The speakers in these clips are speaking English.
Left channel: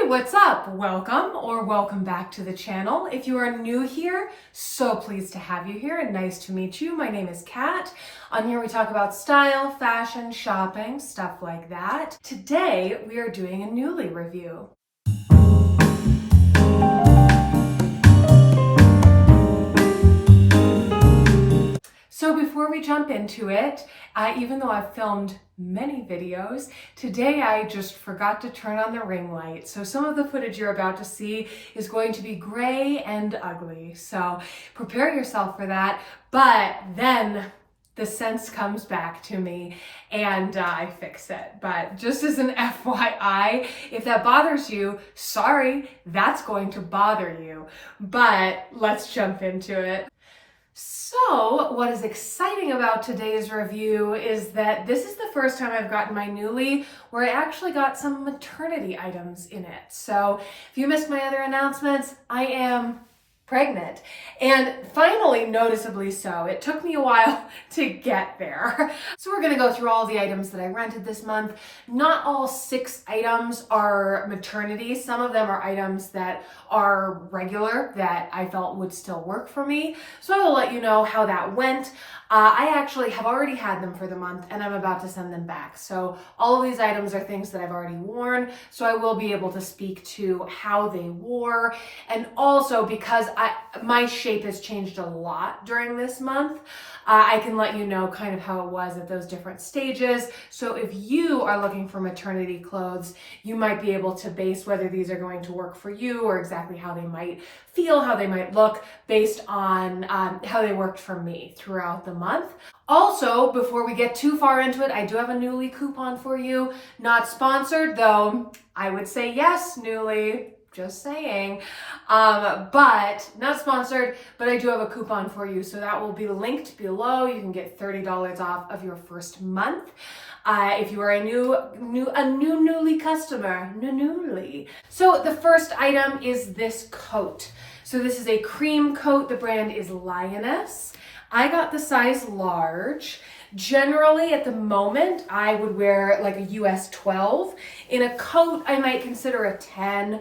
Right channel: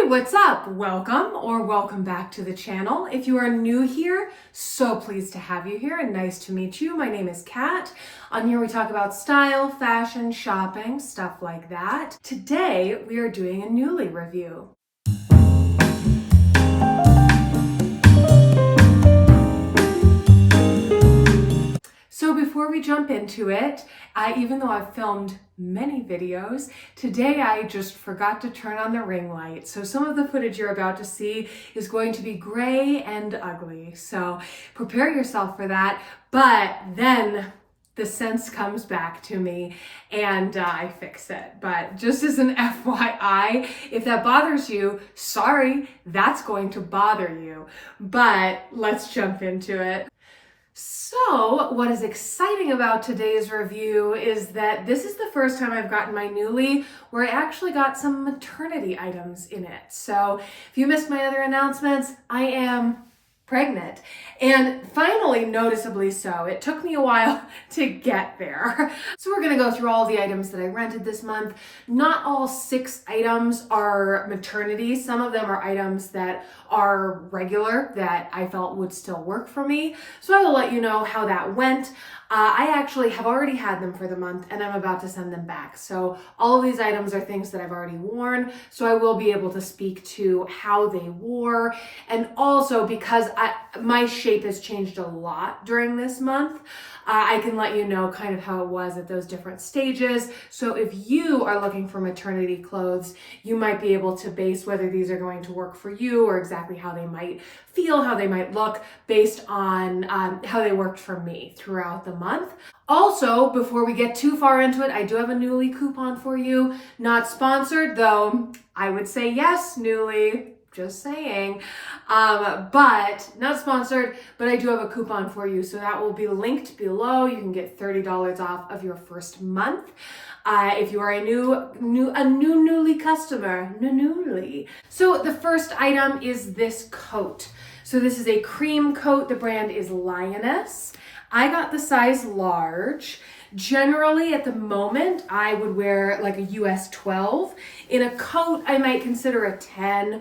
Hey, what's up? Welcome or welcome back to the channel. If you are new here, so pleased to have you here and nice to meet you. My name is Kat. On here we talk about style, fashion, shopping, stuff like that. Today we are doing a Nuuly review. So before we jump into it, even though I've filmed many videos, today I just forgot to turn on the ring light. So some of the footage you're about to see is going to be gray and ugly. So prepare yourself for that. But then the sense comes back to me and I fix it. But just as an FYI, if that bothers you, sorry, that's going to bother you. But let's jump into it. So what is exciting about today's review is that this is the first time I've gotten my Nuuly where I actually got some maternity items in it. So if you missed my other announcements, I am pregnant, and finally, noticeably so. It took me a while to get there. So we're gonna go through all the items that I rented this month. Not all 6 items are maternity. Some of them are items that are regular that I felt would still work for me. So I will let you know how that went. I actually have already had them for the month and I'm about to send them back. So all of these items are things that I've already worn. So I will be able to speak to how they wore. And also because my shape has changed a lot during this month, I can let you know kind of how it was at those different stages. So if you are looking for maternity clothes, you might be able to base whether these are going to work for you or exactly how they might feel, how they might look based on how they worked for me throughout the month. Also, before we get too far into it, I do have a Nuuly coupon for you. Not sponsored, though I would say yes, Nuuly. Just saying, but not sponsored, but I do have a coupon for you. So that will be linked below. You can get $30 off of your first month. If you are a new Nuuly customer, Nuuly. So the first item is this coat. So this is a cream coat. The brand is Lioness. I got the size large. Generally, at the moment, I would wear like a US 12. In a coat, I might consider a 10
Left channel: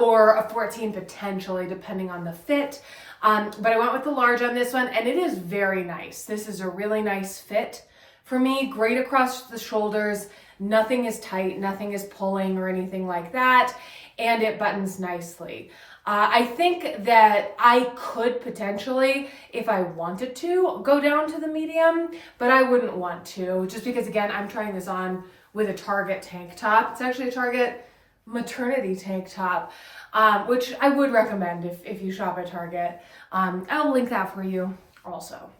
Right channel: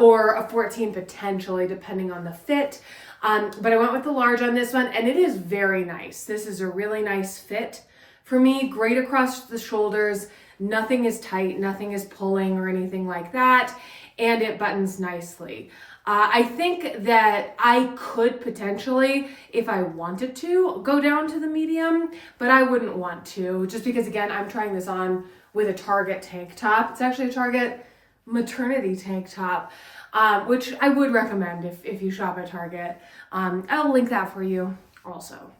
or a 14 potentially, depending on the fit. But I went with the large on this one, and it is very nice. This is a really nice fit for me, great across the shoulders. Nothing is tight, nothing is pulling or anything like that, and it buttons nicely. I think that I could potentially, if I wanted to, go down to the medium, but I wouldn't want to, just because, again, I'm trying this on with a Target tank top. It's actually a Target maternity tank top, which I would recommend if you shop at Target. I'll link that for you also.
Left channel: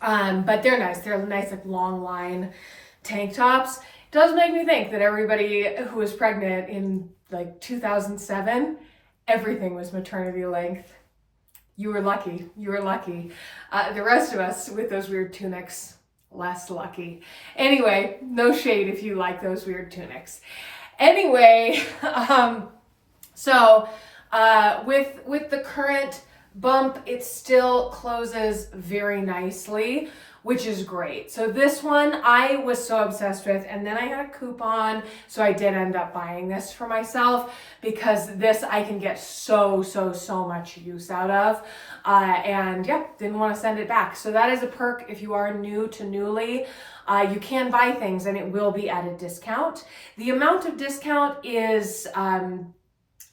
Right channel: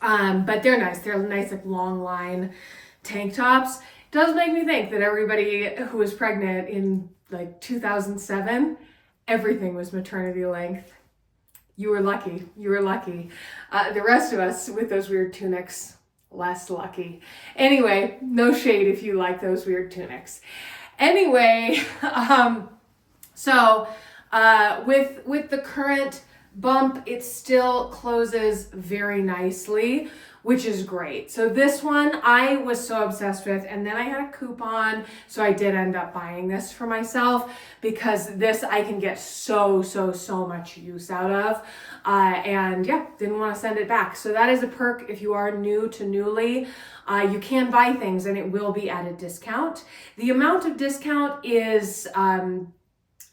But they're nice. They're nice, like long line tank tops. Does make me think that everybody who was pregnant in like 2007, everything was maternity length. You were lucky. You were lucky. The rest of us with those weird tunics, less lucky. Anyway, no shade if you like those weird tunics. Anyway, with the current bump, it still closes very nicely, which is great. So this one I was so obsessed with, and then I had a coupon, so I did end up buying this for myself because this I can get so much use out of, and yeah, didn't want to send it back. So that is a perk if you are new to Nuuly. You can buy things and it will be at a discount. The amount of discount is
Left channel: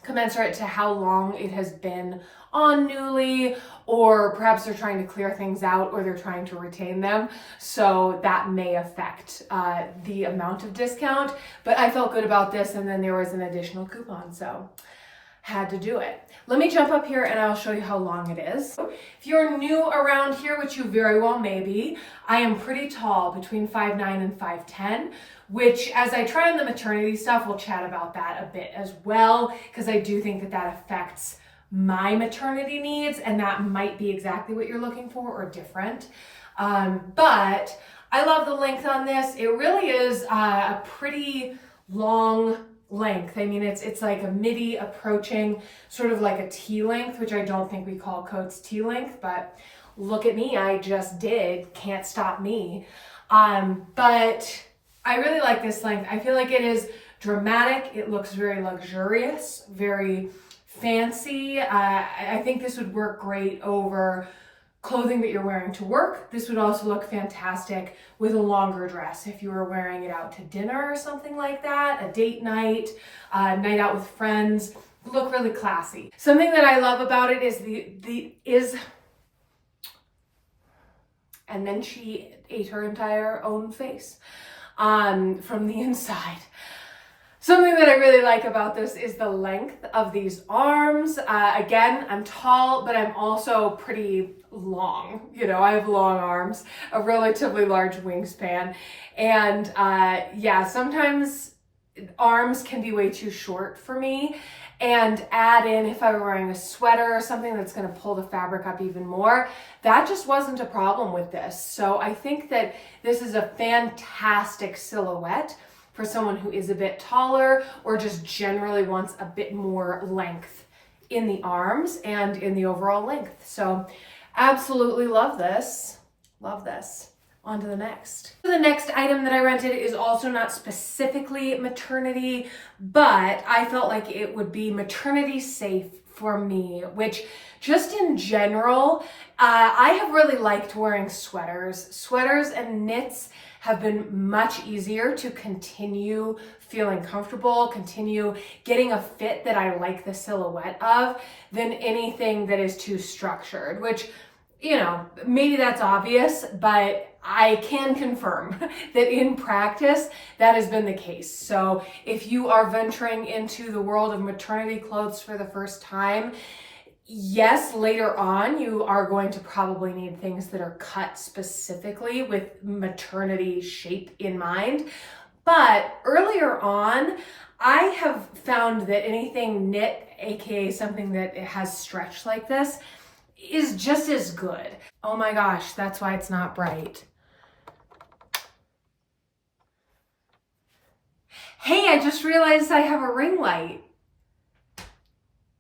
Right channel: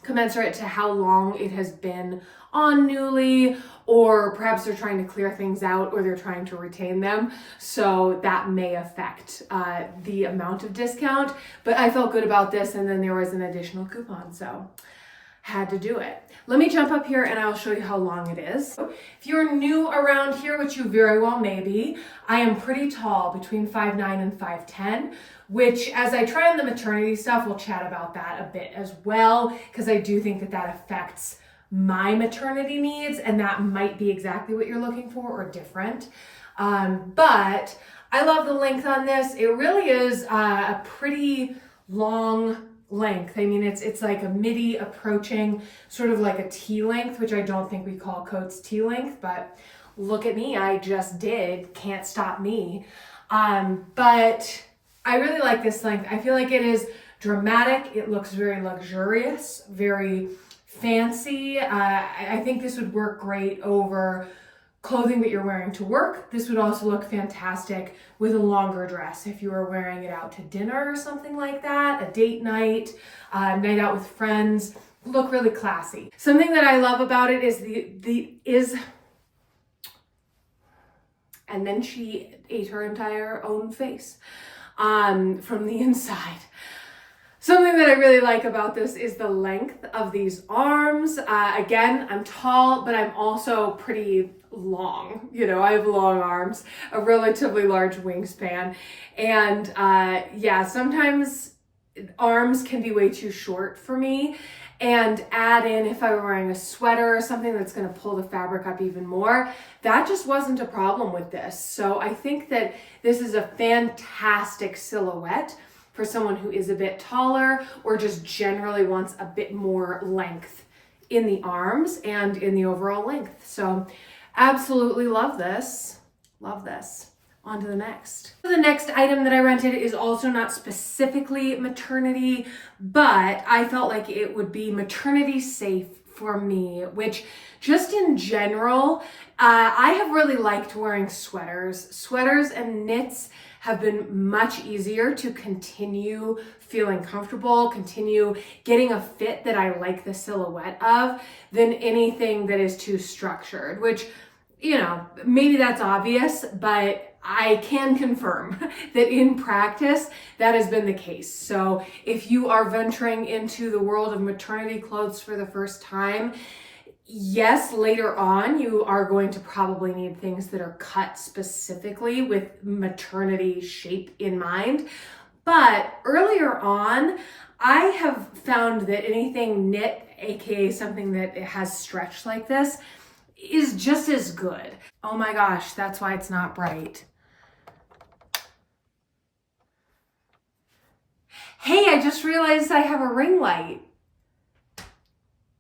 commensurate to how long it has been on Nuuly, or perhaps they're trying to clear things out or they're trying to retain them. So that may affect the amount of discount, but I felt good about this, and then there was an additional coupon, so had to do it. Let me jump up here and I'll show you how long it is. If you're new around here, which you very well may be, I am pretty tall, between 5'9" and 5'10", which as I try on the maternity stuff, we'll chat about that a bit as well, because I do think that that affects my maternity needs, and that might be exactly what you're looking for or different. But I love the length on this. It really is a pretty long length. I mean, it's like a midi approaching sort of like a T length, which I don't think we call coats T length, but look at me, I just did. Can't stop me. But I really like this length. I feel like it is dramatic. It looks very luxurious, very fancy. I think this would work great over clothing that you're wearing to work. This would also look fantastic with a longer dress if you were wearing it out to dinner or something like that, a date night, night out with friends. Look really classy. Something that I love about it is and then she ate her entire own face from the inside. Something that I really like about this is the length of these arms. Again, I'm tall, but I'm also pretty long. You know, I have long arms, a relatively large wingspan. And yeah, sometimes arms can be way too short for me. And add in, if I were wearing a sweater or something that's going to pull the fabric up even more, that just wasn't a problem with this. So I think that this is a fantastic silhouette for someone who is a bit taller or just generally wants a bit more length in the arms and in the overall length. So absolutely love this. Love this. On to the next. The next item that I rented is also not specifically maternity, but I felt like it would be maternity safe for me, which just in general, I have really liked wearing sweaters. Sweaters and knits have been much easier to continue feeling comfortable, continue getting a fit that I like the silhouette of than anything that is too structured, which, you know, maybe that's obvious, but I can confirm that in practice, that has been the case. So if you are venturing into the world of maternity clothes for the first time, yes, later on, you are going to probably need things that are cut specifically with maternity shape in mind. But earlier on, I have found that anything knit, aka something that has stretch like this, is just as good. Oh my gosh, that's why it's not bright. Hey, I just realized I have a ring light.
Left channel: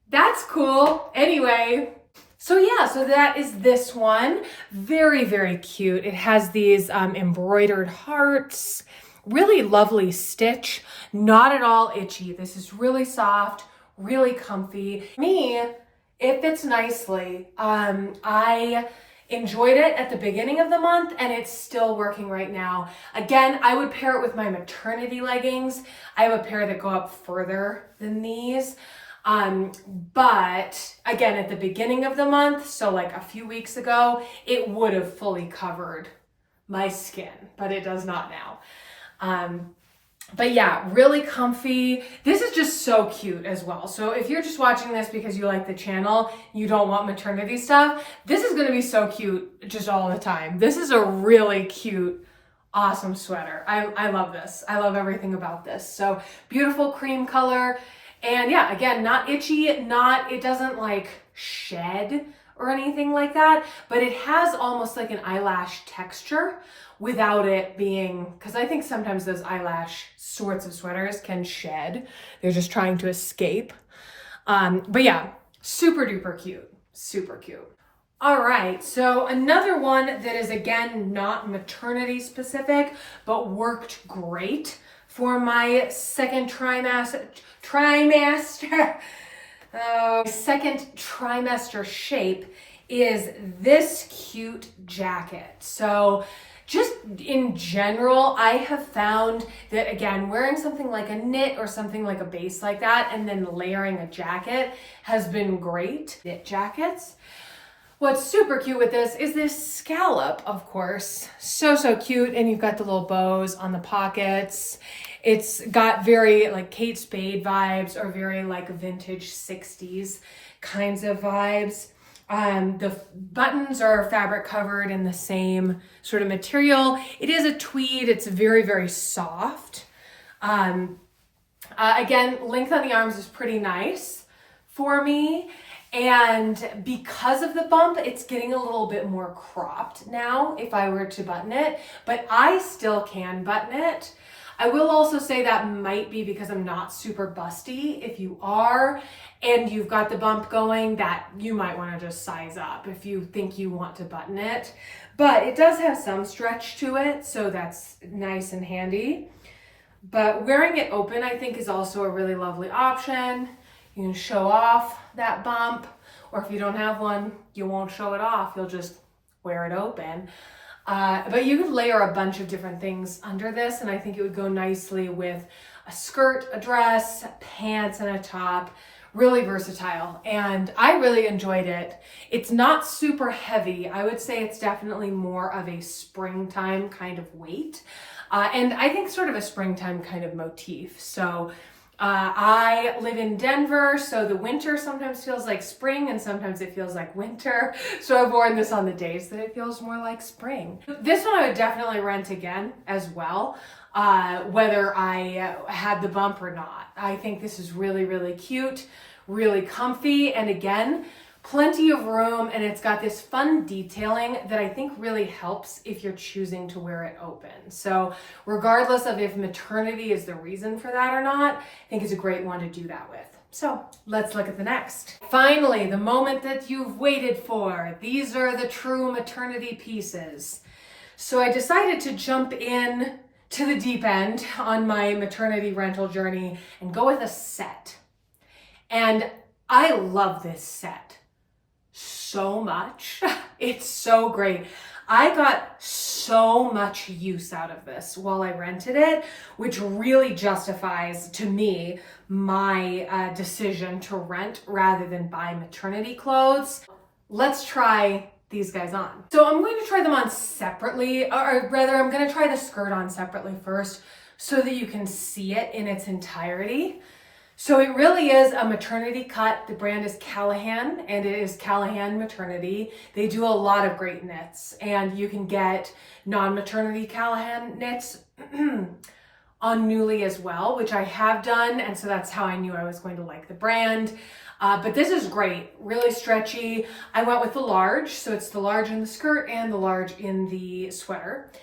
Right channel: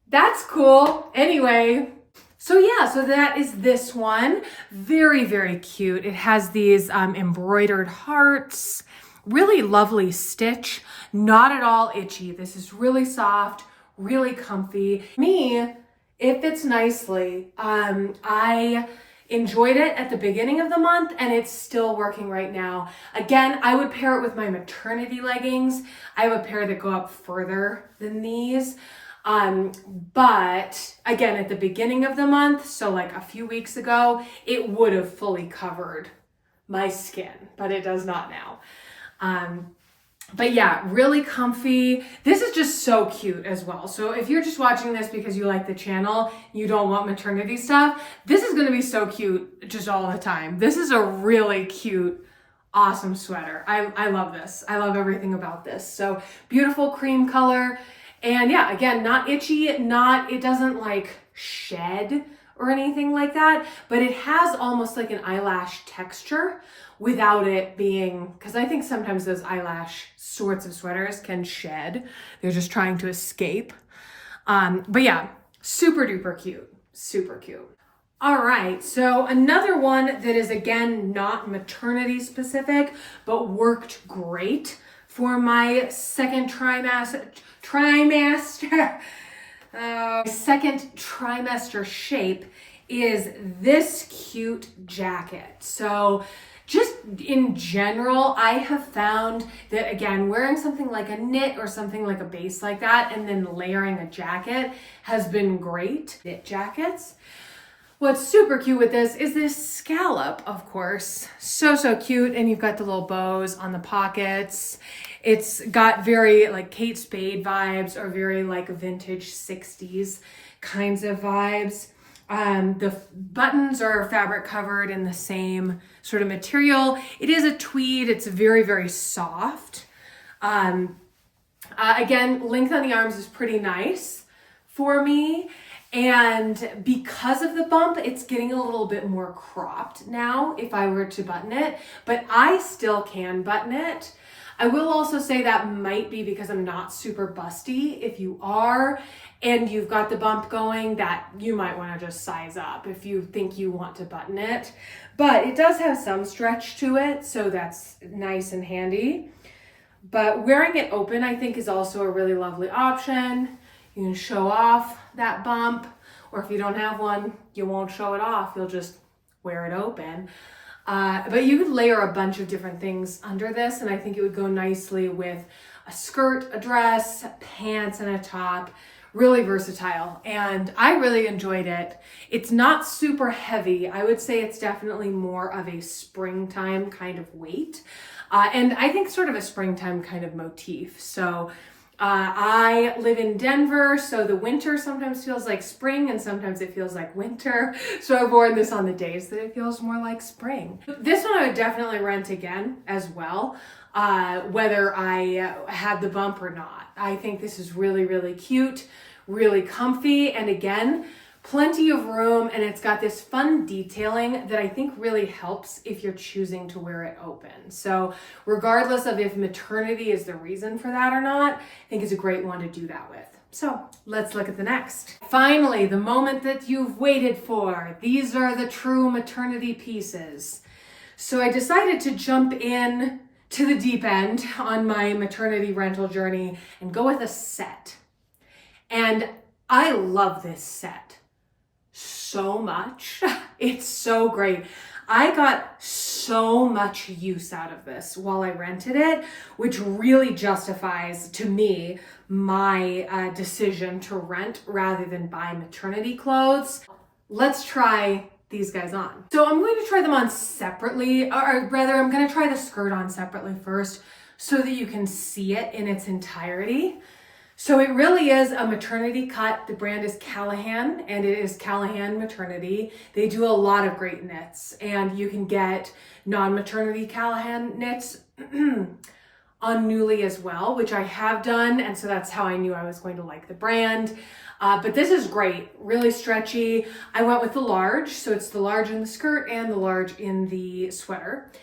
That's cool. Anyway, so yeah, so that is this one. Very, very cute. It has these embroidered hearts, really lovely stitch, not at all itchy. This is really soft, really comfy. Me, it fits nicely. I enjoyed it at the beginning of the month and it's still working right now. Again, I would pair it with my maternity leggings. I have a pair that go up further than these. But again, at the beginning of the month, so like a few weeks ago, it would have fully covered my skin, but it does not now. But yeah, really comfy. This is just so cute as well. So if you're just watching this because you like the channel, you don't want maternity stuff, this is going to be so cute just all the time. This is a really cute, awesome sweater. I love this. I love everything about this. So beautiful cream color. And yeah, again, not itchy, it doesn't like shed or anything like that, but it has almost like an eyelash texture without it being, because I think sometimes those eyelash sorts of sweaters can shed. They're just trying to escape. But yeah, super duper cute, super cute. All right, so another one that is again, not maternity specific, but worked great for my second trimester, second trimester shape is this cute jacket. So just in general, I have found that, again, wearing something like a knit or something like a base like that and then layering a jacket has been great. Knit jackets. What's super cute with this is this scallop, of course. So cute. And you've got the little bows on the pockets. It's got very like Kate Spade vibes or very like vintage 60s kinds of vibes. The buttons are fabric covered in the same sort of material. It is a tweed. It's very, very soft. Again, length on the arms is pretty nice for me. And because of the bump, it's getting a little bit more cropped now if I were to button it, but I still can button it. I will also say that might be because I'm not super busty. If you are and you've got the bump going, that you might want to just size up if you think you want to button it. But it does have some stretch to it, so that's nice and handy. But wearing it open, I think, is also a really lovely option. You can show off that bump, or if you don't have one, you won't show it off. You'll just wear it open. But you could layer a bunch of different things under this, and I think it would go nicely with a skirt, a dress, pants, and a top. Really versatile, and I really enjoyed it. It's not super heavy. I would say it's definitely more of a springtime kind of weight, and I think sort of a springtime kind of motif. So I live in Denver, so the winter sometimes feels like spring and sometimes it feels like winter. So I've worn this on the days that it feels more like spring. This one I would definitely rent again as well, whether I had the bump or not. I think this is really, really cute, really comfy, and again, plenty of room, and it's got this fun detailing that I think really helps if you're choosing to wear it open. So regardless of if maternity is the reason for that or not, I think it's a great one to do that with. So let's look at the next. Finally, the moment that you've waited for. These are the true maternity pieces. So I decided to jump in to the deep end on my maternity rental journey and go with a set. And I love this set so much. It's so great. I got so much use out of this while I rented it, which really justifies to me my decision to rent rather than buy maternity clothes. Let's try these guys on. So I'm going to try them on separately, or rather I'm going to try the skirt on separately first so that you can see it in its entirety. So it really is a maternity cut. The brand is Callahan, and it is Callahan Maternity. They do a lot of great knits, and you can get non-maternity Callahan knits on Nuuly as well, which I have done, and so that's how I knew I was going to like the brand. But this is great, really stretchy. I went with the large, so it's the large in the skirt and the large in the sweater.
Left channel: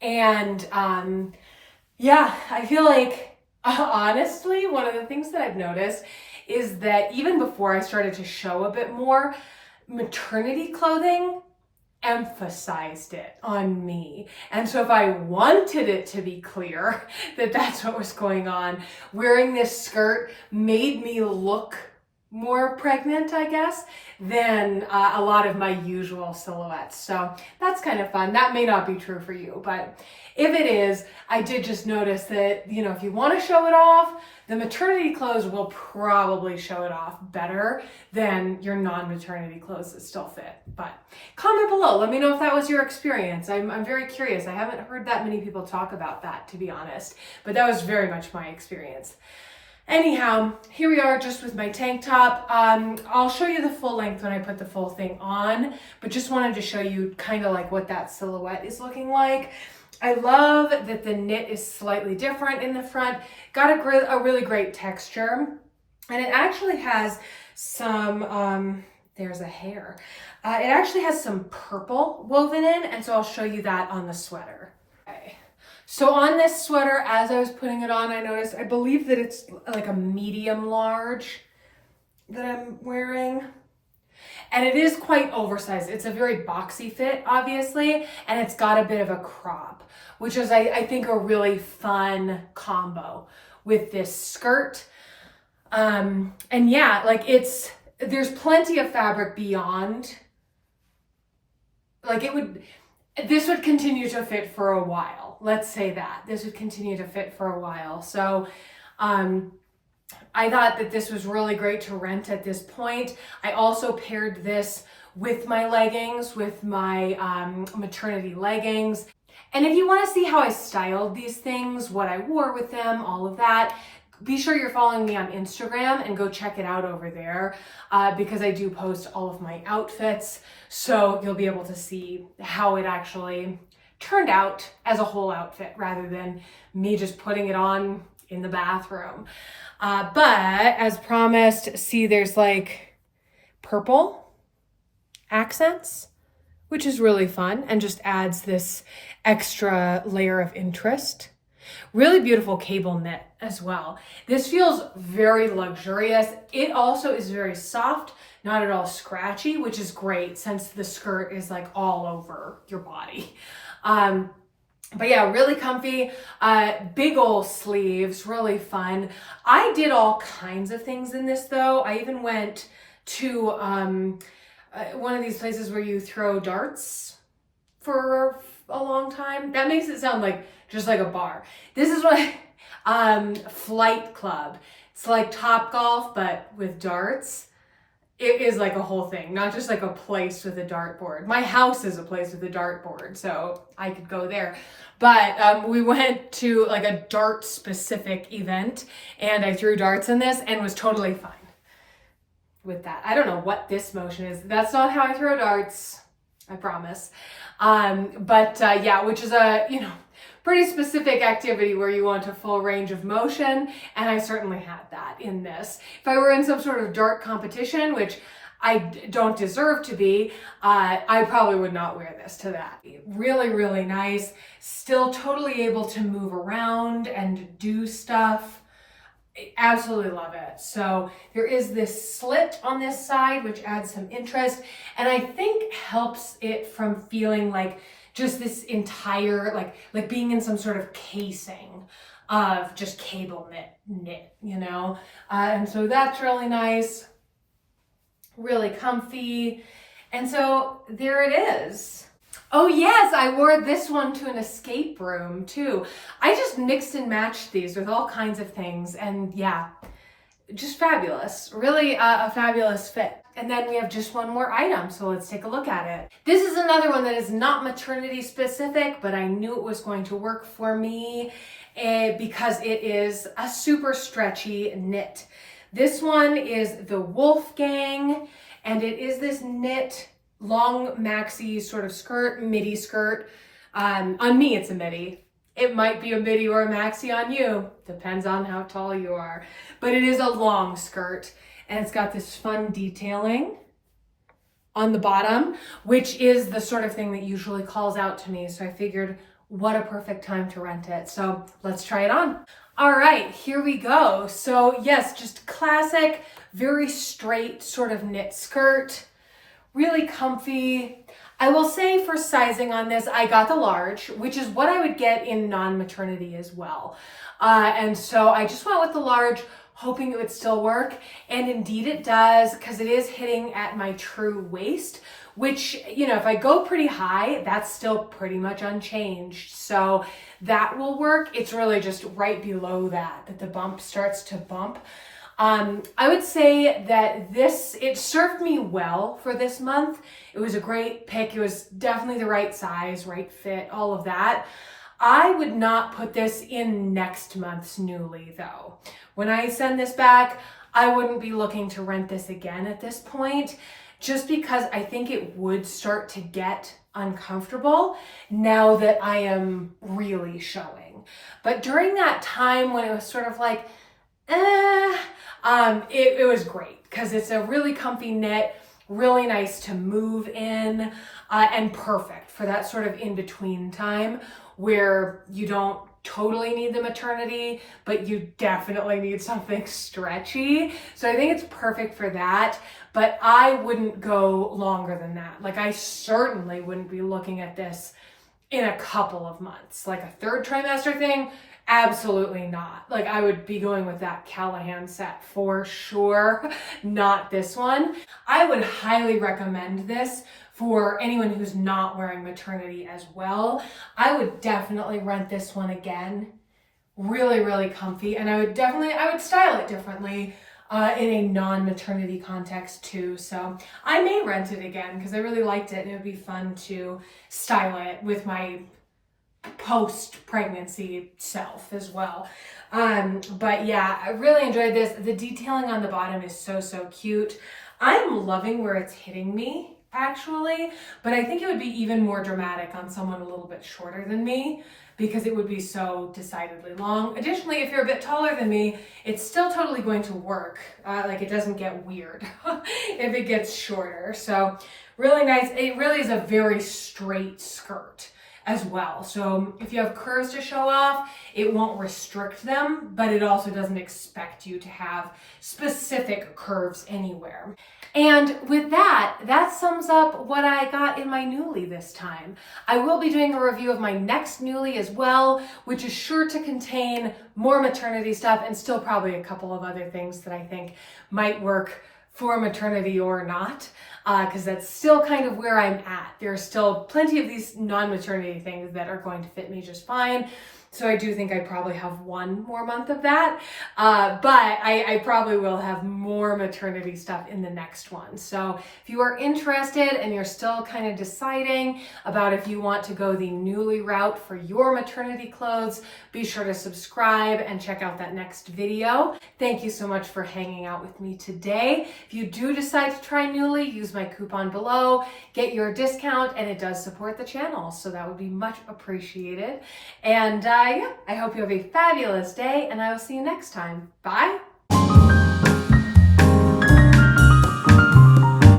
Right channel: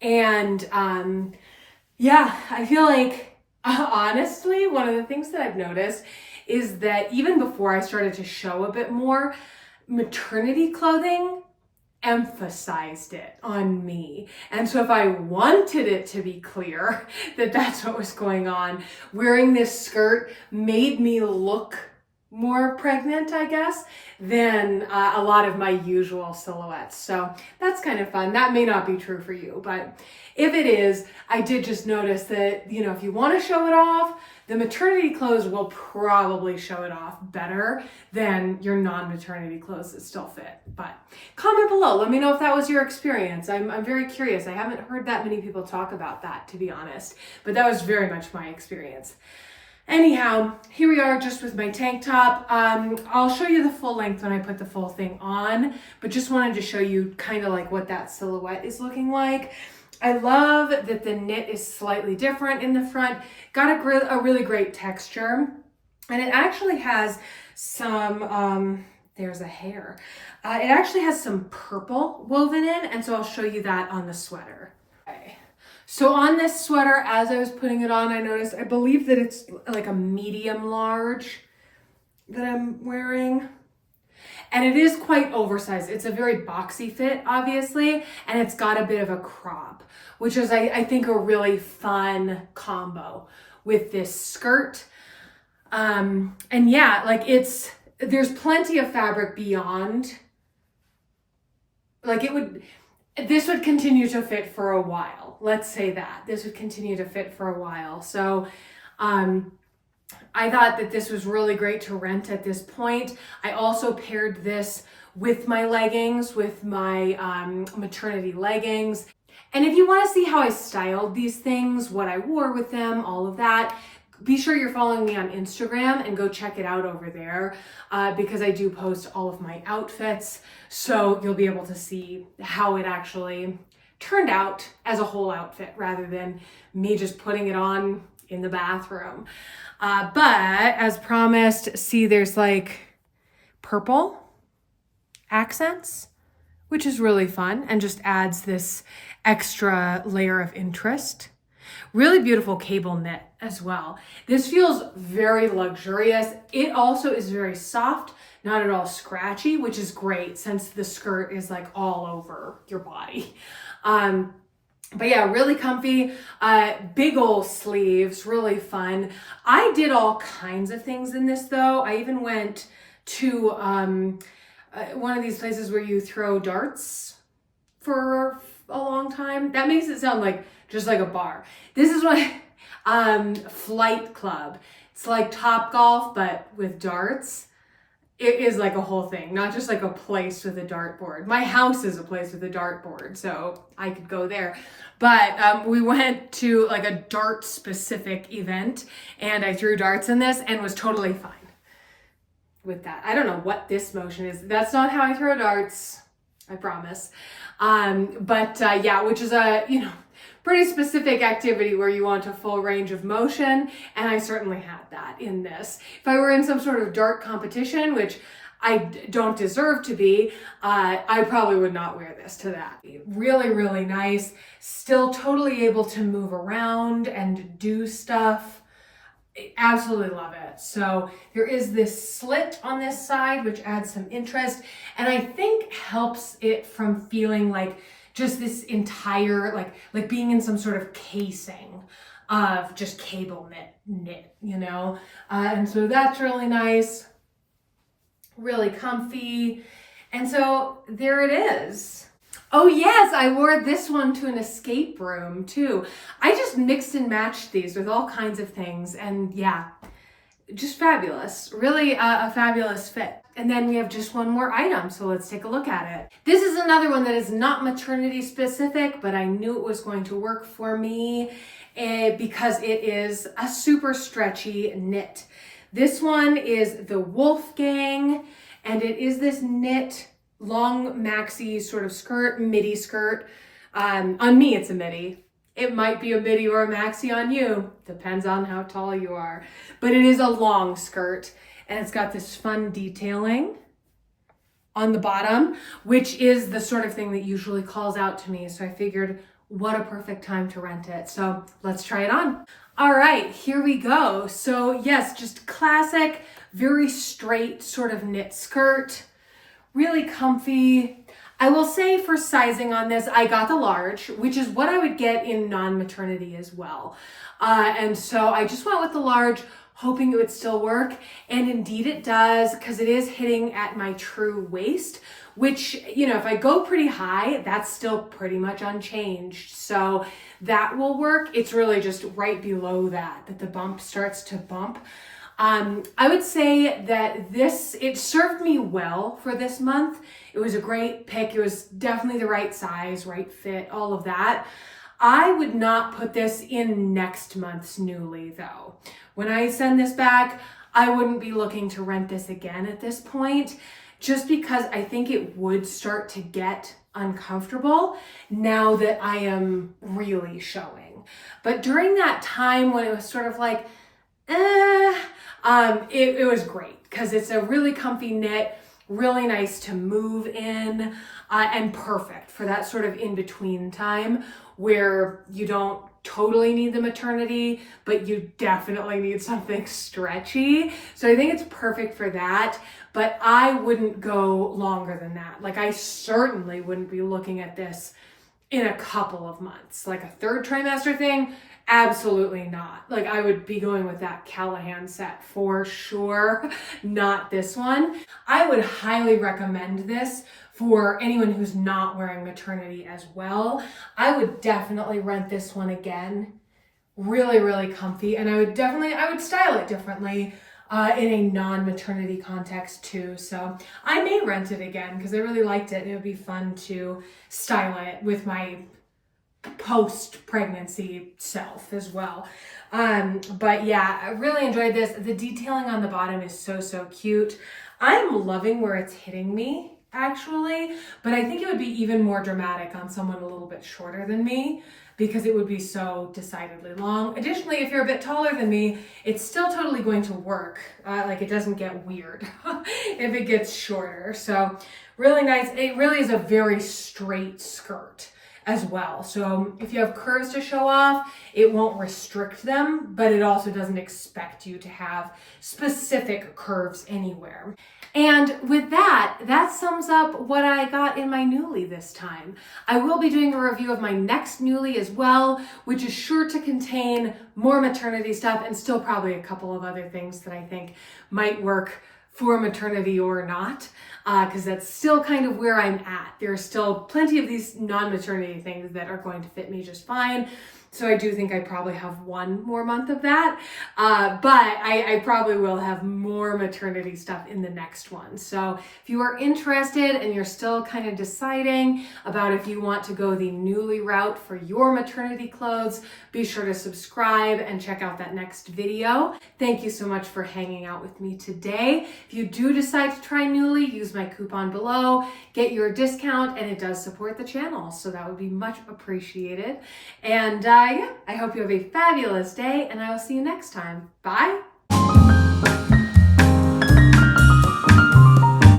And yeah, I feel like honestly, one of the things that I've noticed is that even before I started to show a bit more, maternity clothing emphasized it on me. And so if I wanted it to be clear that that's what was going on, wearing this skirt made me look more pregnant, I guess, than a lot of my usual silhouettes. So that's kind of fun. That may not be true for you, but if it is, I did just notice that, you know, if you want to show it off, the maternity clothes will probably show it off better than your non-maternity clothes that still fit. But comment below. Let me know if that was your experience. I'm very curious. I haven't heard that many people talk about that, to be honest, but that was very much my experience. Anyhow, here we are just with my tank top. I'll show you the full length when I put the full thing on, but just wanted to show you kind of like what that silhouette is looking like. I love that the knit is slightly different in the front. Got a really great texture, and it actually has some, there's a hair. It actually has some purple woven in, and so I'll show you that on the sweater. Okay. So on this sweater, as I was putting it on, I noticed, I believe that it's like a medium large that I'm wearing. And it is quite oversized. It's a very boxy fit, obviously, and it's got a bit of a crop, which is, I think, a really fun combo with this skirt. And yeah, like there's plenty of fabric beyond. Like this would continue to fit for a while. Let's say that. This would continue to fit for a while. So, I thought that this was really great to rent at this point. I also paired this with my leggings, with my maternity leggings. And if you want to see how I styled these things, what I wore with them, all of that, be sure you're following me on Instagram and go check it out over there because I do post all of my outfits. So you'll be able to see how it actually turned out as a whole outfit rather than me just putting it on in the bathroom. But as promised, see, there's like purple accents, which is really fun and just adds this extra layer of interest. Really beautiful cable knit as well. This feels very luxurious. It also is very soft, not at all scratchy, which is great since the skirt is like all over your body. But yeah, really comfy, big old sleeves, really fun. I did all kinds of things in this though. I even went to one of these places where you throw darts for a long time. That makes it sound like just like a bar. This is what Flight Club. It's like Top Golf, but with darts. It is like a whole thing, not just like a place with a dartboard. My house is a place with a dartboard, so I could go there. But we went to like a dart specific event and I threw darts in this and was totally fine with that. I don't know what this motion is. That's not how I throw darts, I promise. Yeah, which is a, pretty specific activity where you want a full range of motion, and I certainly had that in this. If I were in some sort of dart competition, which I don't deserve to be, I probably would not wear this to that. Really, really nice. Still totally able to move around and do stuff. Absolutely love it. So there is this slit on this side, which adds some interest, and I think helps it from feeling like just this entire, like being in some sort of casing of just cable knit, and so that's really nice, really comfy. And so there it is. Oh yes, I wore this one to an escape room too. I just mixed and matched these with all kinds of things, and yeah, just fabulous. Really a fabulous fit. And then we have just one more item, so let's take a look at it. This is another one that is not maternity specific, but I knew it was going to work for me because it is a super stretchy knit. This one is the Wolfgang, and it is this knit long maxi sort of skirt, midi skirt. On me, it's a midi. It might be a midi or a maxi on you. Depends on how tall you are. But it is a long skirt, and it's got this fun detailing on the bottom, which is the sort of thing that usually calls out to me. So I figured, what a perfect time to rent it. So let's try it on. All right, here we go. So yes, just classic, very straight sort of knit skirt, really comfy. I will say for sizing on this, I got the large, which is what I would get in non-maternity as well. And so I just went with the large, hoping it would still work. And indeed it does, because it is hitting at my true waist, which, if I go pretty high, that's still pretty much unchanged. So that will work. It's really just right below that the bump starts to bump. I would say that it served me well for this month. It was a great pick. It was definitely the right size, right fit, all of that. I would not put this in next month's Nuuly though. When I send this back, I wouldn't be looking to rent this again at this point, just because I think it would start to get uncomfortable now that I am really showing. But during that time when it was sort of like, it was great because it's a really comfy knit, really nice to move in, and perfect for that sort of in-between time where you don't totally need the maternity, but you definitely need something stretchy. So I think it's perfect for that, but I wouldn't go longer than that. Like I certainly wouldn't be looking at this in a couple of months. Like a third trimester thing, absolutely not. Like I would be going with that Callahan set for sure, not this one. I would highly recommend this for anyone who's not wearing maternity as well. I would definitely rent this one again. Really, really comfy. And I would style it differently in a non-maternity context too. So I may rent it again because I really liked it. It would be fun to style it with my post-pregnancy self as well. But yeah, I really enjoyed this. The detailing on the bottom is so, so cute. I'm loving where it's hitting me actually, but I think it would be even more dramatic on someone a little bit shorter than me because it would be so decidedly long. Additionally, if you're a bit taller than me, it's still totally going to work. Like it doesn't get weird if it gets shorter. So really nice. It really is a very straight skirt. as well. So if you have curves to show off, it won't restrict them, but it also doesn't expect you to have specific curves anywhere. And with that, that sums up what I got in my Nuuly this time. I will be doing a review of my next Nuuly as well, which is sure to contain more maternity stuff and still probably a couple of other things that I think might work for maternity or not, because that's still kind of where I'm at. There are still plenty of these non-maternity things that are going to fit me just fine. So I do think I probably have one more month of that, but I probably will have more maternity stuff in the next one. So if you are interested and you're still kind of deciding about if you want to go the Nuuly route for your maternity clothes, be sure to subscribe and check out that next video. Thank you so much for hanging out with me today. If you do decide to try Nuuly, use my coupon below, get your discount, and it does support the channel. So that would be much appreciated. And yeah, I hope you have a fabulous day, and I will see you next time. Bye.